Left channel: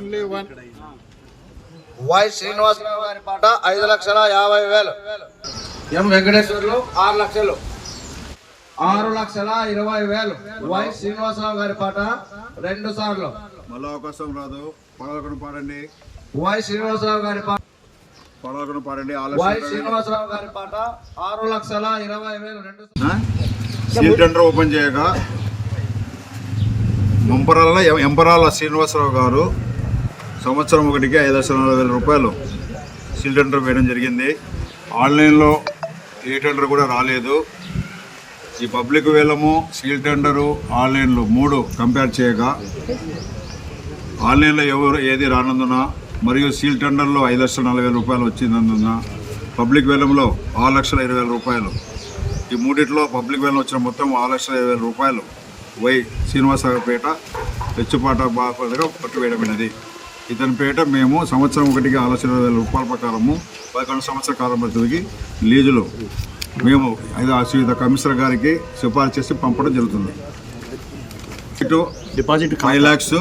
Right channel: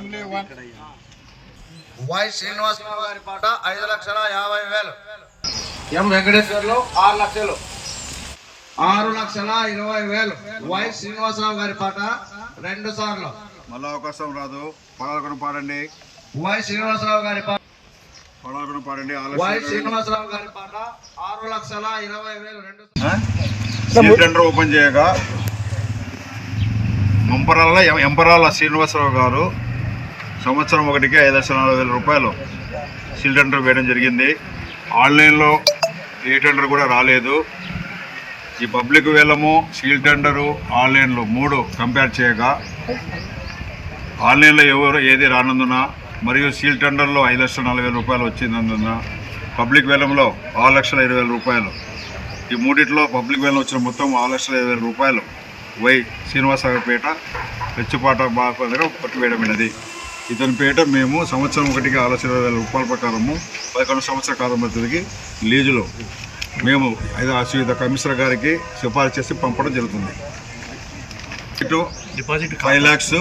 Only one why Srinivasarao గారి పాట ఐదు లక్షల యాభై వేలు. ఎం వెంకటేశ్వర్లు? ఆరు లక్షలు. ఆరు లక్షల ఇరవై వేలు. వై శ్రీనివాసరావు గారి పాట రెండు సార్లు. మళ్ళా అవకాశం రాదు. పడాలకును పాడండి. వై శ్రీనివాసరావు గారి పాట పడాలకును పాడండి. వై శ్రీనివాసరావు గారి పాట ఆరు లక్షల ఇరవై వేలు. రెండు సీల్ టెండర్ ఓపెన్ చేయగా మంపరాల ఎంపరాల శ్రీనివాసరావు గారు సంవత్సరం ఒకటికి ఐదు లక్షల నలభై వేల రూపాయలు సీల్ టెండర్ వేయడం జరిగింది. ఆన్లైన్లో ఏ టెండర్ కూడా రాలేదు. ఈ పబ్లిక్ వేలము సీల్ టెండరు ఆన్లైన్లో మూడు కంపేర్ చేయగా ఆన్లైన్లో ఎవరు ఏది రానందున మరియు సీల్ టెండర్లో ఐదు లక్షల నలభై వేల రూపాయలు వచ్చినందున పబ్లిక్ వేలంలో ఆరు లక్షల ఇరవై వేల రూపాయలు. ఈ మూడిట్లో పబ్లిక్ వేలం వచ్చిన మొత్తం ఆరు లక్షల ఇరవై వేల రూపాయలు వై శ్రీనివాసపేట పెచ్చుపాట బాగా పట్టువేయడమైనది ఇతని పేట మేము సంవత్సరం ఒకటికి ఇరవై వేల రూపాయల ప్రకారము పదకొండు సంవత్సరాల కాలం పద్ధతికి లీజులో. మేము ఐదు శ్రీయుత కమిషనర్ గారికి సిఫారసు చేసి పంపడం జరుగుతుంది. ఇటు ఫైవ్ ల్యాక్స్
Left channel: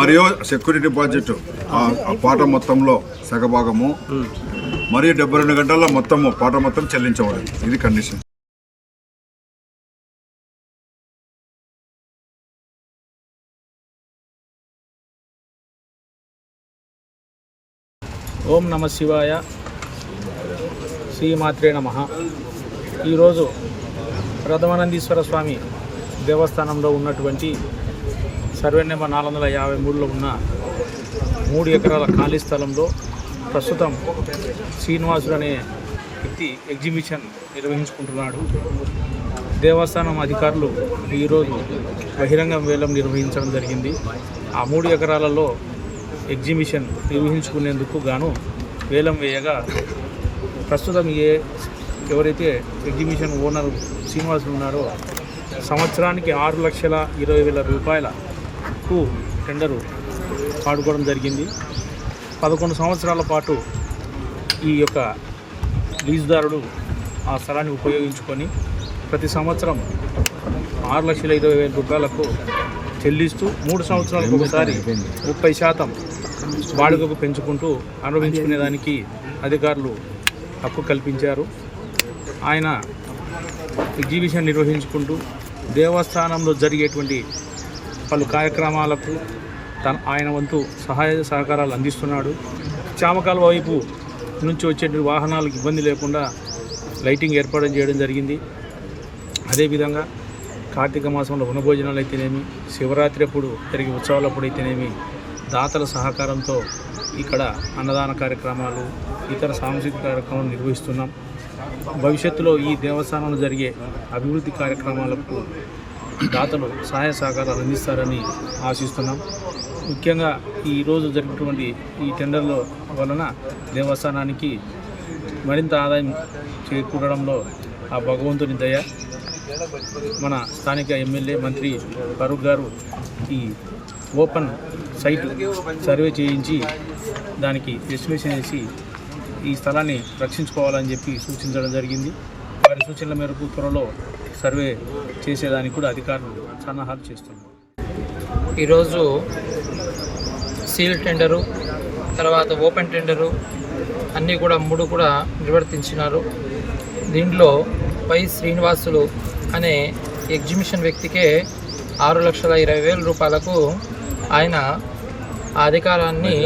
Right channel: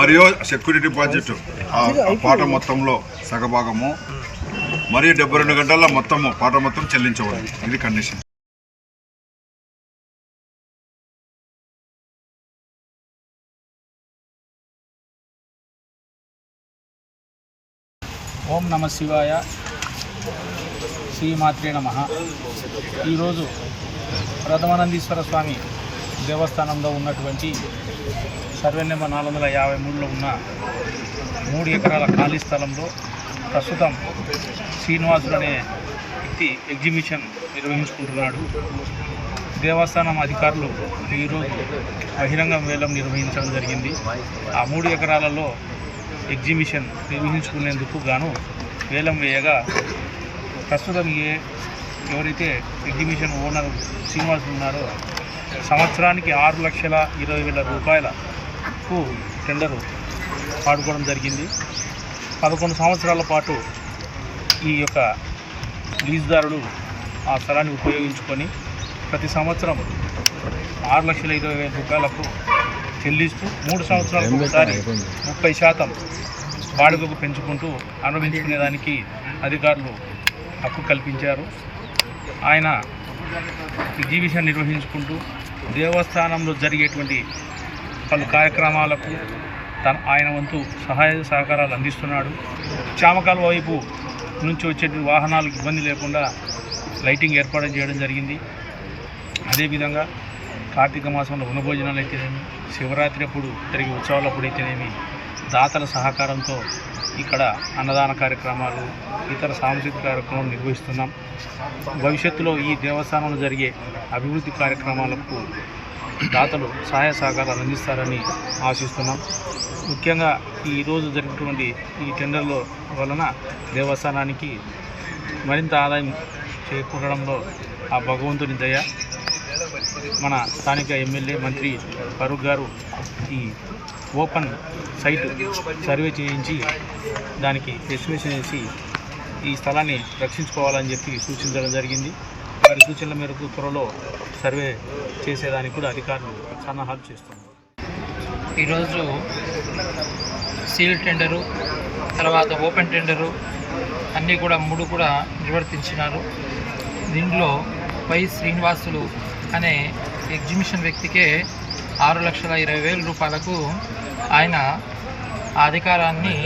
మరియు సెక్యూరిటీ డిపాజిట్. పాట మొత్తంలో సగభాగము. మరియు డెబ్బై రెండు గంటల్లో మొత్తము పాట మొత్తం చెల్లించవాలి ఇది కండిషన్. ఓం నమ శివాయ. శ్రీమాత్రే నమ. ఈరోజు ప్రథమానందీశ్వర స్వామి దేవస్థానంలో ఉన్నటువంటి సర్వే నెంబర్ నాలుగు వందల యాభై మూడులో ఉన్న మూడు ఎకరాల ఖాళీ స్థలంలో ప్రస్తుతం శ్రీనివాసుడు అనే వ్యక్తి ఎగ్జిబిషన్ నిర్వహించుకుంటున్నాడు. దేవస్థానం అధికారులు ఈరోజు బహిరంగ వేలం నిర్వహించడం జరిగింది. ఆ మూడు ఎకరాలలో ఎగ్జిబిషన్ నిర్వహించుకునేందుకు గాను వేలం వేయగా ప్రస్తుతం ఏ ఎవరైతే ఎగ్జిబిషన్ ఓనర్ శ్రీనివాస్ ఉన్నారో సంవత్సరానికి ఆరు లక్షల ఇరవై వేల రూపాయలకు టెండరు పాడుకోవడం జరిగింది. పదకొండు సంవత్సరాల పాటు ఈ యొక్క లీజుదారుడు ఆ స్థలాన్ని ఉపయోగించుకొని ప్రతి సంవత్సరం ఆరు లక్షల ఇరవై వేల రూపాయలకు చెల్లిస్తూ మూడు సంవత్సరాలకు ఒకసారి ముప్పై శాతం బాడుగకు పెంచుకుంటూ అనుభవించుకునేదానికి అధికారులు హక్కు కల్పించారు. ఆయన ఎగ్జిబిషన్ నిర్వహించుకుంటూ దేవస్థానంలో జరిగేటువంటి పలు కార్యక్రమాలకు తన ఆయన వంతు సహాయ సహకారాలు అందిస్తున్నాడు. చామకాల వైపు నుంచి వచ్చేటువంటి వాహనాలకు ఇబ్బంది లేకుండా లైటింగ్ ఏర్పాటు చేయడం జరిగింది. అదేవిధంగా కార్తీక మాసంలో వనభోజనాలు అయితేనేమి శివరాత్రి అప్పుడు జరిగే ఉత్సవాలప్పుడు అయితేనేమి దాతల సహకారంతో ఇక్కడ అన్నదాన కార్యక్రమాలు ఇతర సాంస్కృతిక కార్యక్రమాలు నిర్వహిస్తున్నాం. భవిష్యత్తులో ఈ దేవస్థానంలో జరిగే అభివృద్ధి కార్యక్రమాలకు దాతలు సహాయ సహకారాలు అందిస్తారని ఆశిస్తున్నాం. ముఖ్యంగా ఈరోజు జరిగినటువంటి ఈ టెండర్ల వలన దేవస్థానానికి మరింత ఆదాయం చేకూరడంలో ఆ భగవంతుని దయ మన స్థానిక ఎమ్మెల్యే మంత్రి ఫరూక్ గారు ఈ ఓపెన్ సైట్ సర్వే చేయించి దానికి ఎస్టిమేషన్ చేసి ఈ స్థలాన్ని రక్షించుకోవాలని చెప్పి సూచించడం జరిగింది. వారి సూచనల మేరకు త్వరలో సర్వే చేసేదానికి కూడా అధికారులు సన్నాహాలు చేస్తున్నారు. ఈరోజు సీల్ టెండరు తర్వాత ఓపెన్ టెండరు అన్నీ కూడా మూడు కూడా నిర్వర్తించినారు. దీంట్లో పై శ్రీనివాసులు అనే ఎగ్జిబిషన్ వ్యక్తికే ఆరు లక్షల ఇరవై వేల రూపాయలకు ఆయన ఆ అధికారాన్ని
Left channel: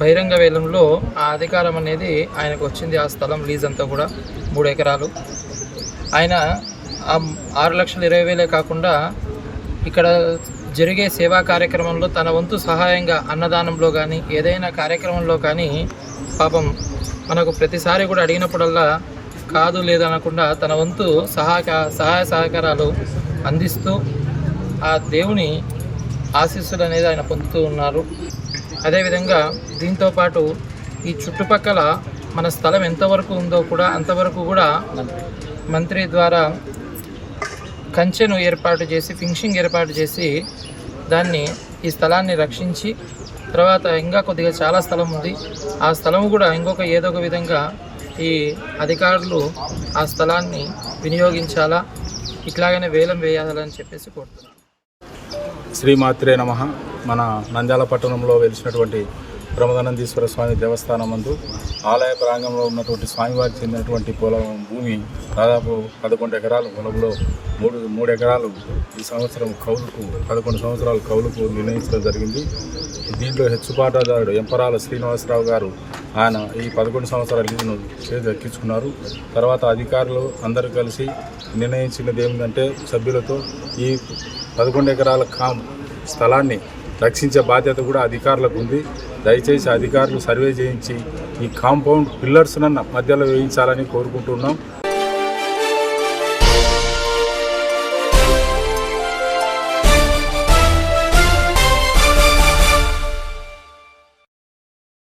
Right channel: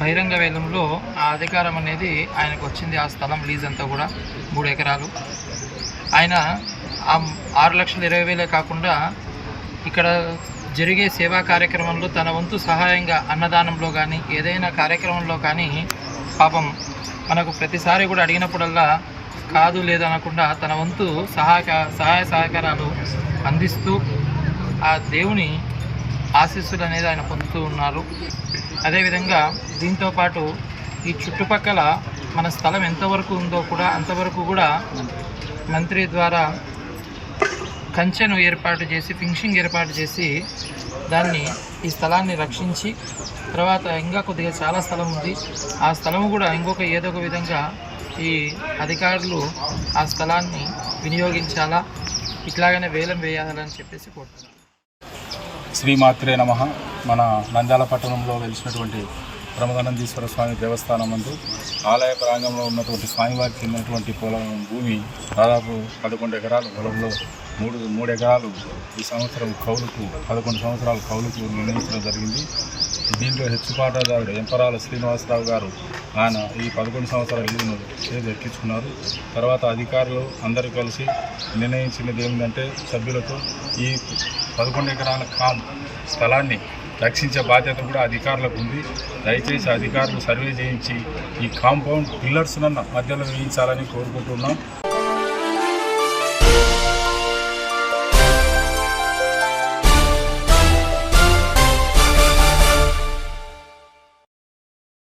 బహిరంగ వేలంలో ఆ అధికారం అనేది ఆయనకు వచ్చింది. ఆ స్థలం లీజ్ అంతా కూడా మూడు ఎకరాలు. ఆయన ఆ ఆరు లక్షల ఇరవై వేలే కాకుండా ఇక్కడ జరిగే సేవా కార్యక్రమంలో తన వంతు సహాయంగా అన్నదానంలో కానీ ఏదైనా కార్యక్రమంలో కానీ పాపం మనకు ప్రతిసారి కూడా అడిగినప్పుడల్లా కాదు లేదనకుండా తన వంతు సహాయక సహాయ సహకారాలు అందిస్తూ ఆ దేవుని ఆశీస్సులు అనేది ఆయన పొందుతూ ఉన్నారు. అదేవిధంగా దీంతోపాటు ఈ చుట్టుపక్కల మన స్థలం ఎంతవరకు ఉందో కూడా అంతవరకు కూడా మంత్రి ద్వారా కంచెను ఏర్పాటు చేసి ఫిన్షింగ్ ఏర్పాటు చేసి దాన్ని ఈ స్థలాన్ని రక్షించి తర్వాత ఇంకా కొద్దిగా చాలా స్థలం ఉంది. ఆ స్థలం కూడా ఇంకొక ఏదో ఒక విధంగా ఈ అధికారులు ఆ స్థలాన్ని వినియోగించాలా? ఇట్లాగనే వేలం వేయాలని చెప్పేసి కోరుతున్నాను శ్రీమాత్రే నమ. మన నంద్యాల పట్టణంలో వెలిసినటువంటి ప్రమదానందీశ్వర స్వామి దేవస్థానం నందు ఆలయ ప్రాంగంలో ఉన్నటువంటి స్వామివారికి చెందినటువంటి పొలం భూమి దాదాపు పదకొండు ఎకరాల పొలంలో మూడు మూడు ఎకరాలు ఈ సంవత్సరం కౌలుకు పదకొండు సంవత్సరాలు కౌలుకు నిర్ణయించడం జరిగింది. దీంట్లో హెచ్చుపాటదారుడు ఎంపరాల శ్రీనివాసరావు గారు ఆయన ఈ పదకొండు సంవత్సరాల లీజును దక్కించుకున్నారు తర్వాత అధికారులు అందరూ కలిసి నిర్ణయించినది ఏమిటంటే సభ్యులతో ఈ పదకొండు ఎకరాల కాం స్థలాన్ని రక్షించే బాధ్యత కూడా అధికారులకు ఉంది. దయచేసి అధికారులు సర్వే చేయించి ఈ కాంపౌండ్ పిల్లర్స్ మధ్యలో వేయించాలని కోరుకుంటున్నాం.